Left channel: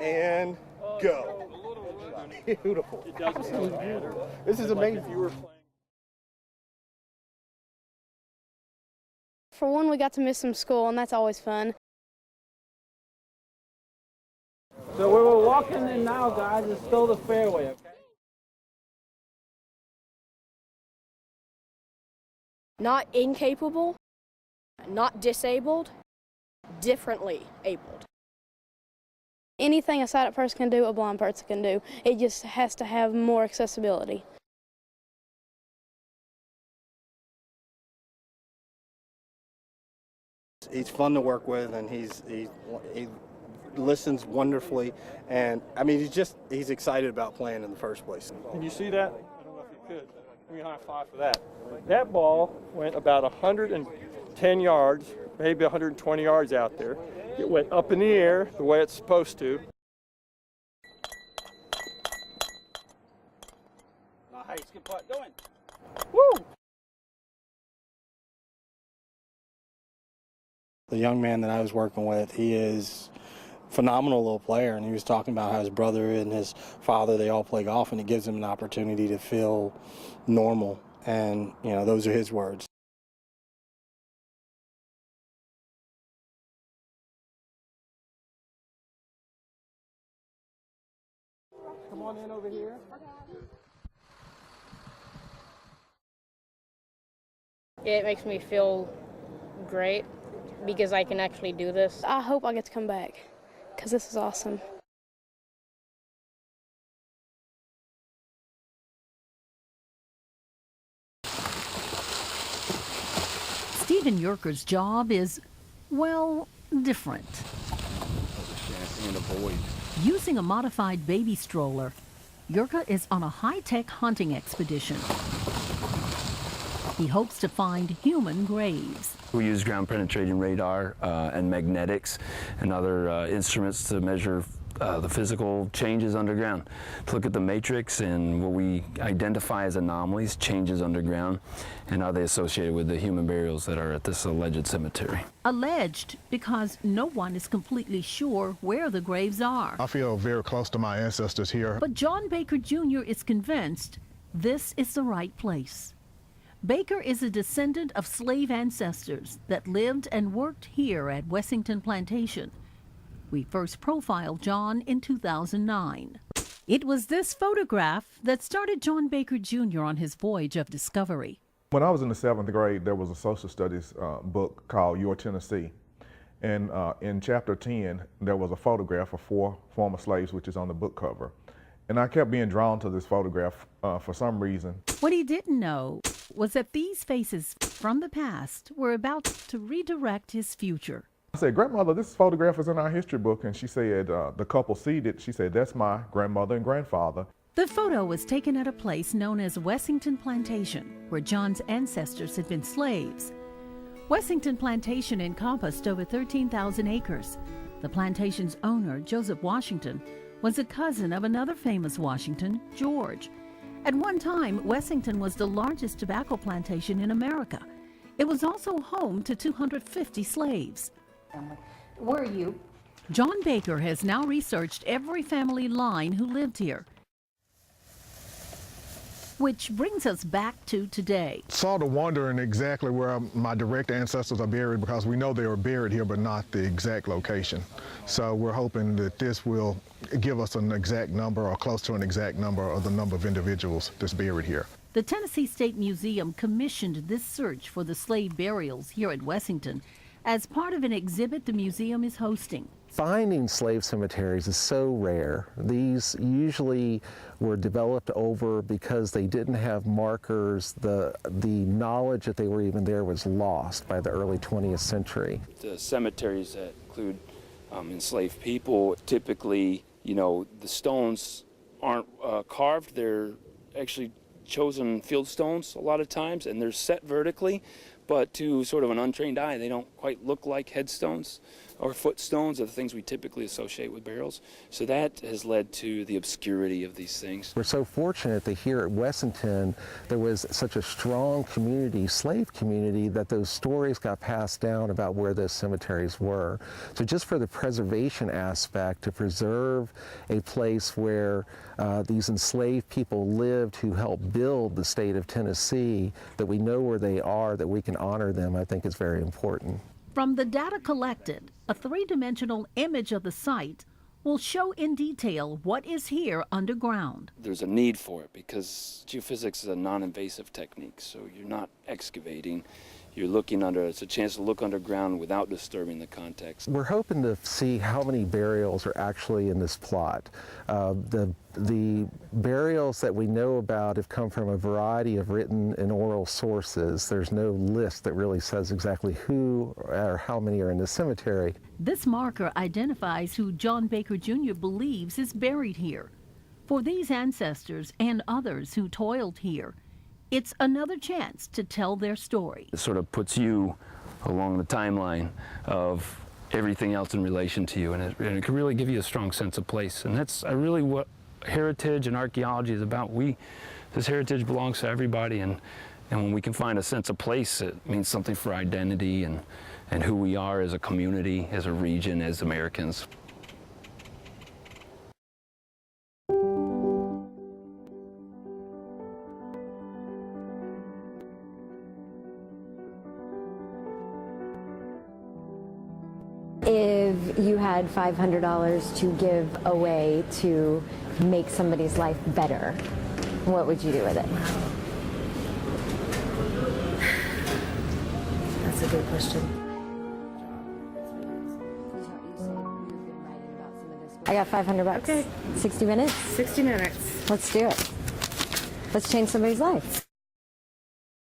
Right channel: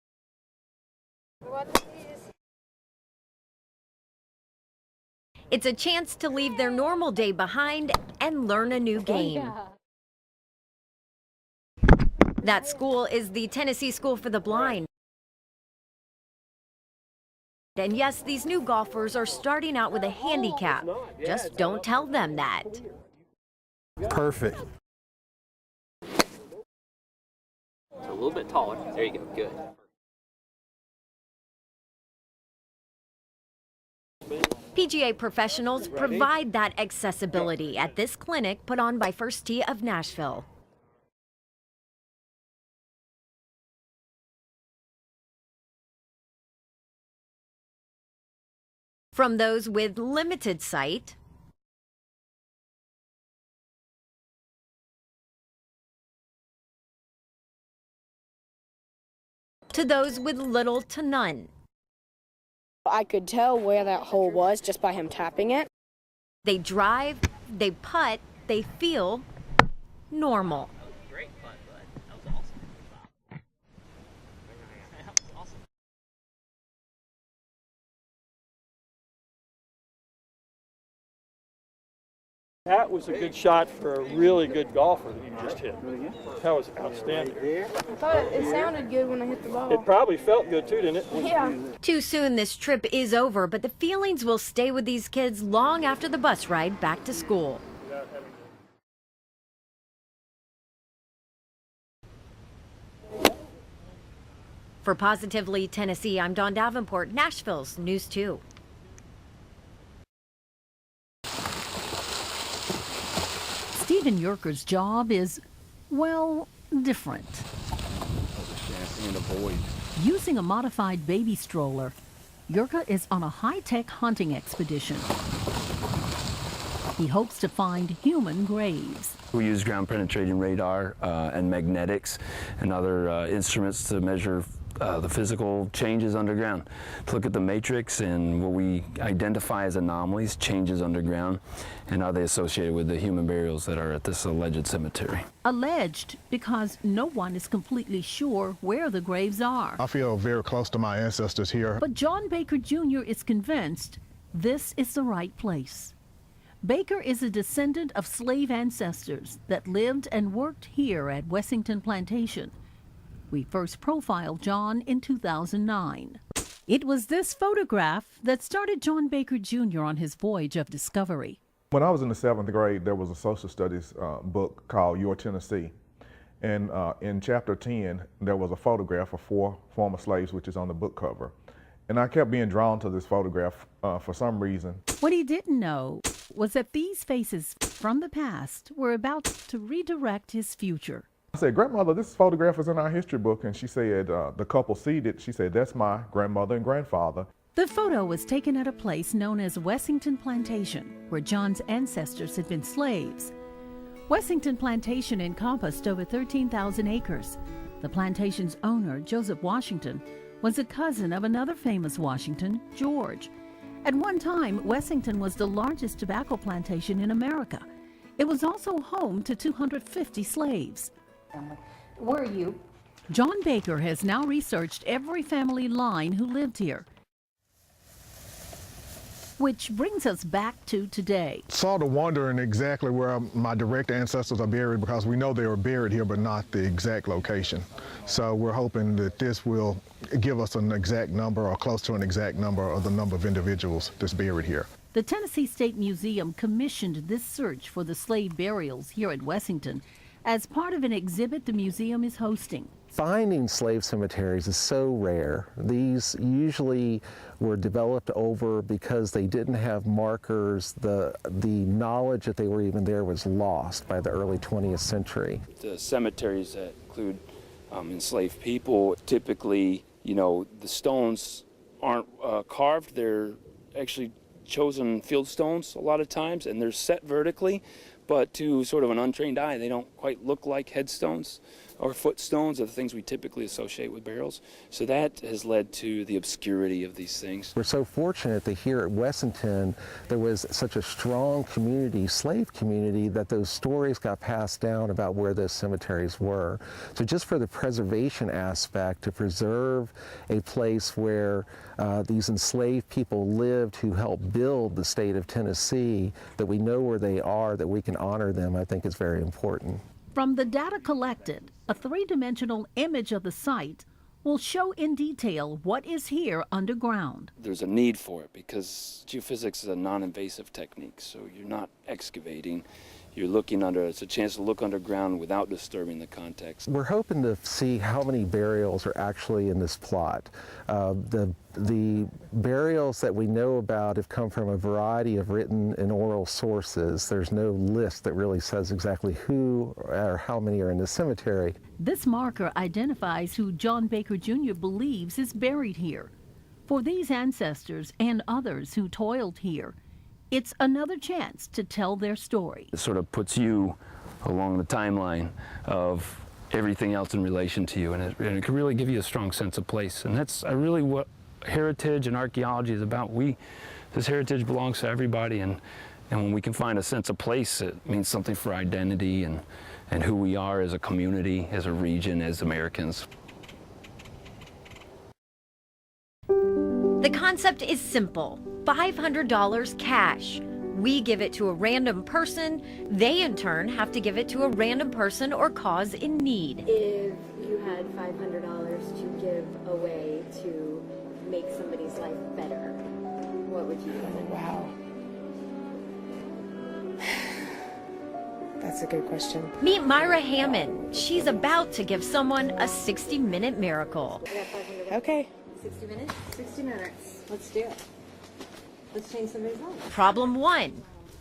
And go. Beautiful. This is amazing. It's a chance to leave their normal day behind and learn a new game. For one, we got to miss some school, and that's always fun. That school is the Tennessee School for the Blind. So where we're walking in now, guys, is still the fairway. And yes, these new golfers are starting out with a handicap. Just don't tell them that. Not incapable. Perfect. Not disabled. Differently able. A little bit taller. There you go. Good. Anything a sighted person can do, a blind person can do. It just has to have more accessibility. PGA professionals provide that accessibility at this clinic put on by First Tee of Nashville. He's fun to work with, and he listens wonderfully, and I mean he's excited about playing in the first place. Can you see that? From those with limited sight, that ball went about 110 yards, maybe 120 yards out there. It went up in the air the way it's supposed to those with little to none. I could tell where that hole was just by him tapping it. They drive, they putt, they feel normal. The young man that I was working with, he is a phenomenal little player, and he was talking about how his brother and his father, they all play golf, and it gives him an opportunity to feel normal. And, you know, those are his words. That was a good shot for a really good golfer that you just hit. That was outstanding. I thought it sounded good when I hit the ball. It probably felt good too, didn't it? Yeah. Too soon this trip is over, but the feelings will stay with these kids long after the bus ride back to school. It makes me feel great because I can actually do this. I hope I get to come back because this is awesome. For Positively Tennessee, I'm Dawn Davenport, Nashville's News 2. Stephen Yerker's job is, well, different. Using a modified baby stroller, Yerker is on a high-tech hunting expedition. He hopes to find human graves. We use ground-penetrating radar and magnetics and other instruments to measure the physical changes underground, to look at the matrix and what we identify as anomalies, changes underground, and are they associated with the human burials that are at this alleged cemetery. Alleged because no one is completely sure where the graves are. I feel very close to my ancestors here. But John Baker Jr. is convinced this is the right place. Baker is a descendant of slave ancestors that lived and worked here at Wessington Plantation. We first profiled John in 2009. It was this photograph that started John Baker Jr. on his voyage of discovery. When I was in the 7th grade, there was a social studies book called Your Tennessee. And in chapter 10, there was a photograph of 4 former slaves, which is on the book cover. And I kept being drawn to this photograph for some reason. What he didn't know was that these faces from the past were about to redirect his future. I said, "Grandmother, this photograph is in our history book." And she said, the couple seated, she said, "That's my grandmother and grandfather." The photo was taken at a place known as Wessington Plantation, where John's ancestors had been slaves. Wessington Plantation encompassed over 13,000 acres. The plantation's owner, Joseph Washington, was a cousin of another famous Washington, George. At one time, Wessington was the largest tobacco plantation in America. It was also home to 250 slaves. Were you? John Baker has now researched every family line who lived here. Which brings us back to today. Sort of wondering exactly where my direct ancestors are buried, because we know they were buried here, but not the exact location. So we're hoping that this will give us an exact number or close to an exact number of the number of individuals that's buried here. The Tennessee State Museum commissioned this search for the slave burials here at Wessington as part of an exhibit the museum is hosting. Finding slave cemeteries is so rare. These usually were developed over because they didn't have markers. The knowledge that they were even there was lost by the early 20th century. The cemeteries that include enslaved people, typically, you know, the stones aren't carved. They're actually chosen field stones a lot of times, and they're set vertically, but to sort of an untrained eye, they don't quite look like headstones. or footstones are the things we typically associate with burials. So that has led to the obscurity of these things. We're so fortunate that here at Wessington there was such a strong community, slave community, that those stories got passed down about where those cemeteries were. So just for the preservation aspect, to preserve a place where these enslaved people lived who helped build the state of Tennessee, that we know where they are, that we can honor them, I think is very important. From the data collected, a three-dimensional image of the site will show in detail what is here underground. There's a need for it because geophysics is a non-invasive technique, so you're not excavating. You're looking under, it's a chance to look underground without disturbing the context. We're hoping to see how many burials are actually in this plot. The burials that we know about have come from a variety of written and oral sources. There's no list that really says exactly who or how many are in the cemetery. This marker identifies who John Baker Jr. believes is buried here. For these ancestors and others who toiled here, it's another chance to tell their story. It sort of puts you along the timeline of everything else in relation to you, and it can really give you a strong sense of place. And that's really what heritage and archaeology is about. This heritage belongs to everybody, and when we can find a sense of place, it means something for identity and who we are as a community, as a region, as Americans. The concept is simple. $500 cash. We give it to a random person. They, in turn, have to give it to a random person or cause in need. If you had $500 to give away to make somebody's life better, what would you do with it? That's a good question. Meet Myra Hammond. She's about to give someone a 60-minute miracle. I got $500. Okay. 60 minutes? 60 minutes. Let's do it. Let's change somebody's life. Problem one,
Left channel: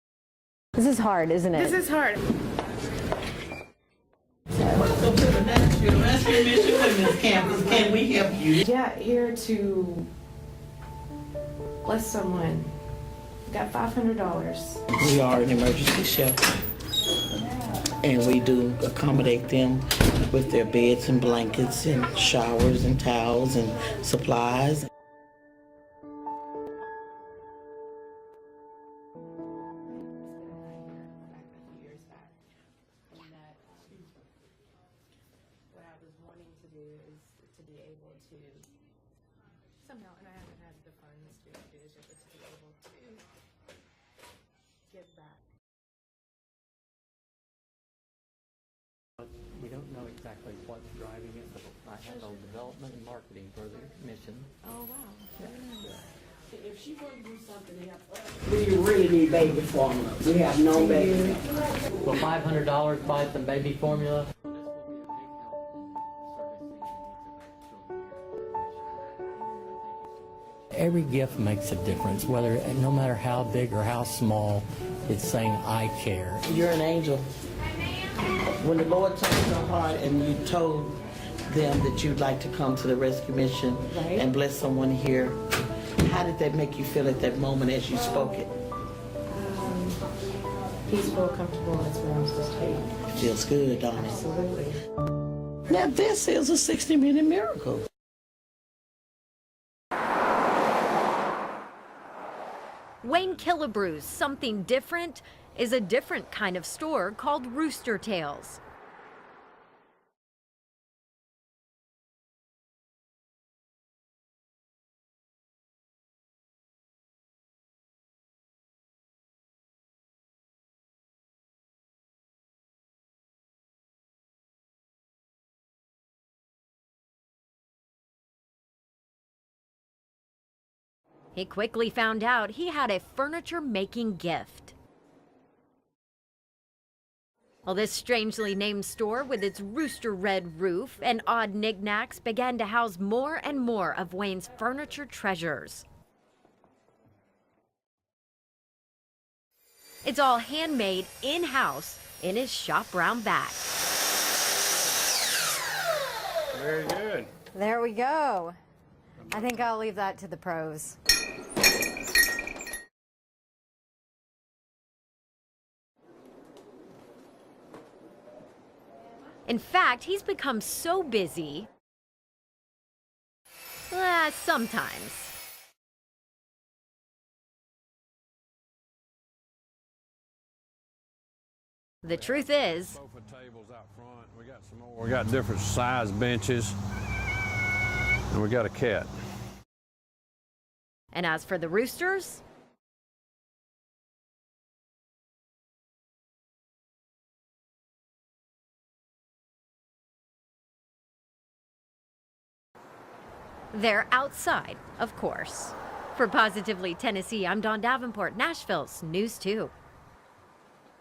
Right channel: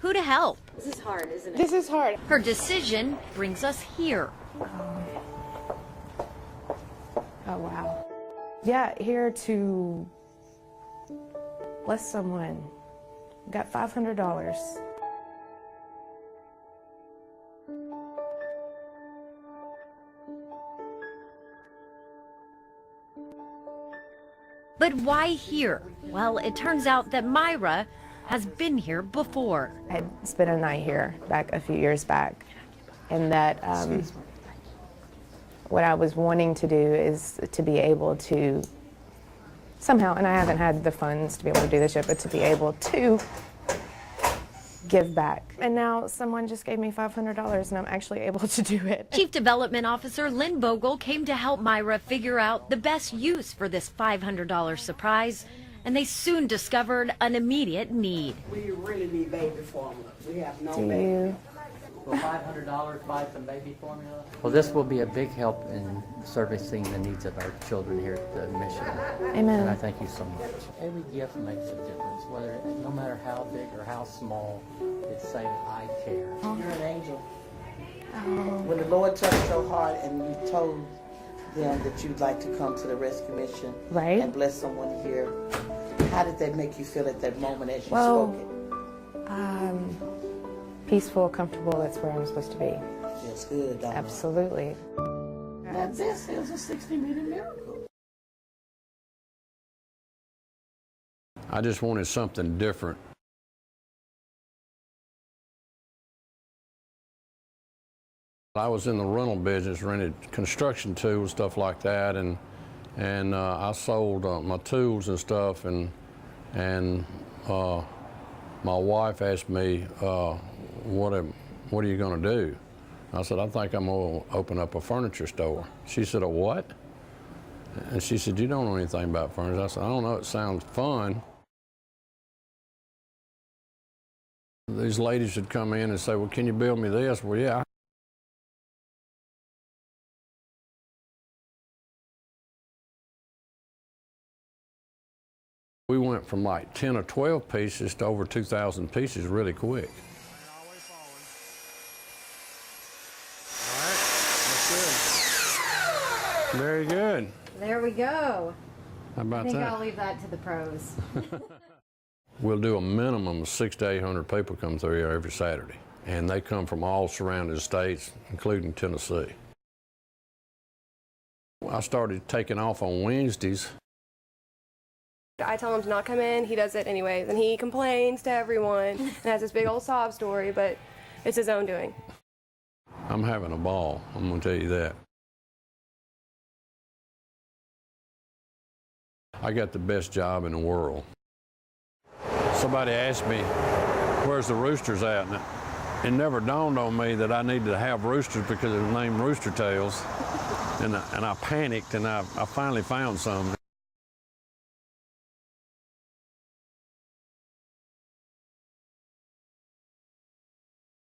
who to help? This is hard, isn't it? This is hard. Her decision brings us here. Welcome to the Nashville Rescue Mission Women's Campus. Can we help you? Yeah, here to bless someone. We got $500. We are an emergency shelter, and we do accommodate them with their beds and blankets and showers and towels and supplies. But why here? Well, it turns out that Myra has been here before. I had spent a night here back a few years back, and that what I was wanting to do is to be able to somehow, and I haven't had the funds to be able to do this yet, but to be able to give back. And now someone just gave me $500 and I'm actually able to do it. Chief Development Officer Lynn Vogel came to help Myra figure out the best use for this $500 surprise, and they soon discovered an immediate need. We really need baby formula. We have no baby. Will $500 buy some baby formula? Well, this will be a big help in servicing the needs of our children here at the mission. Amen. And I thank you so much. Every gift makes a difference, no matter how big or how small, it's saying, I care. You're an angel. When the Lord touched your heart and you told them that you'd like to come to the rescue mission and bless someone here, how did that make you feel at that moment as you spoke it? Peaceful, comfortable, that's where I'm supposed to be. It feels good, don't it? Absolutely. Now this is a 60-minute miracle. I just wanted something different. Wayne Killebrew's Something Different is a different kind of store called Rooster Tails. I was in the rental business, rented construction tools, stuff like that, and I sold my tools and stuff, and my wife asked me, what are you going to do? I said, I think I'm going to open up a furniture store. She said, a what? And she said, you don't know anything about furniture. I said, I don't know, it sounds fun. He quickly found out he had a furniture-making gift. These ladies would come in and say, well, can you build me this? Well, yeah. Well, this strangely named store with its rooster red roof and odd knickknacks began to house more and more of Wayne's furniture treasures. We went from like 10 or 12 pieces to over 2,000 pieces really quick. It's all handmade in-house in his shop round back. Very good. There we go. How about I think that? I'll leave that to the pros. We'll do a minimum of 600 to 800 people come through here every Saturday. and they come from all surrounding states, including Tennessee. In fact, he's become so busy. I started taking off on Wednesdays. Sometimes. I tell him to not come in, he does it anyways, and he complains to everyone and has this big old sob story, but it's his own doing. The truth is, I'm having a ball, I'm gonna tell you that. We got different size benches, and we got a cat. I got the best job in the world. And as for the roosters? Somebody asked me, where's the roosters at? And it never dawned on me that I needed to have roosters because it was named Rooster Tails. And I panicked, and I finally found some. They're outside, of course. For Positively Tennessee, I'm Dawn Davenport, Nashville's News 2.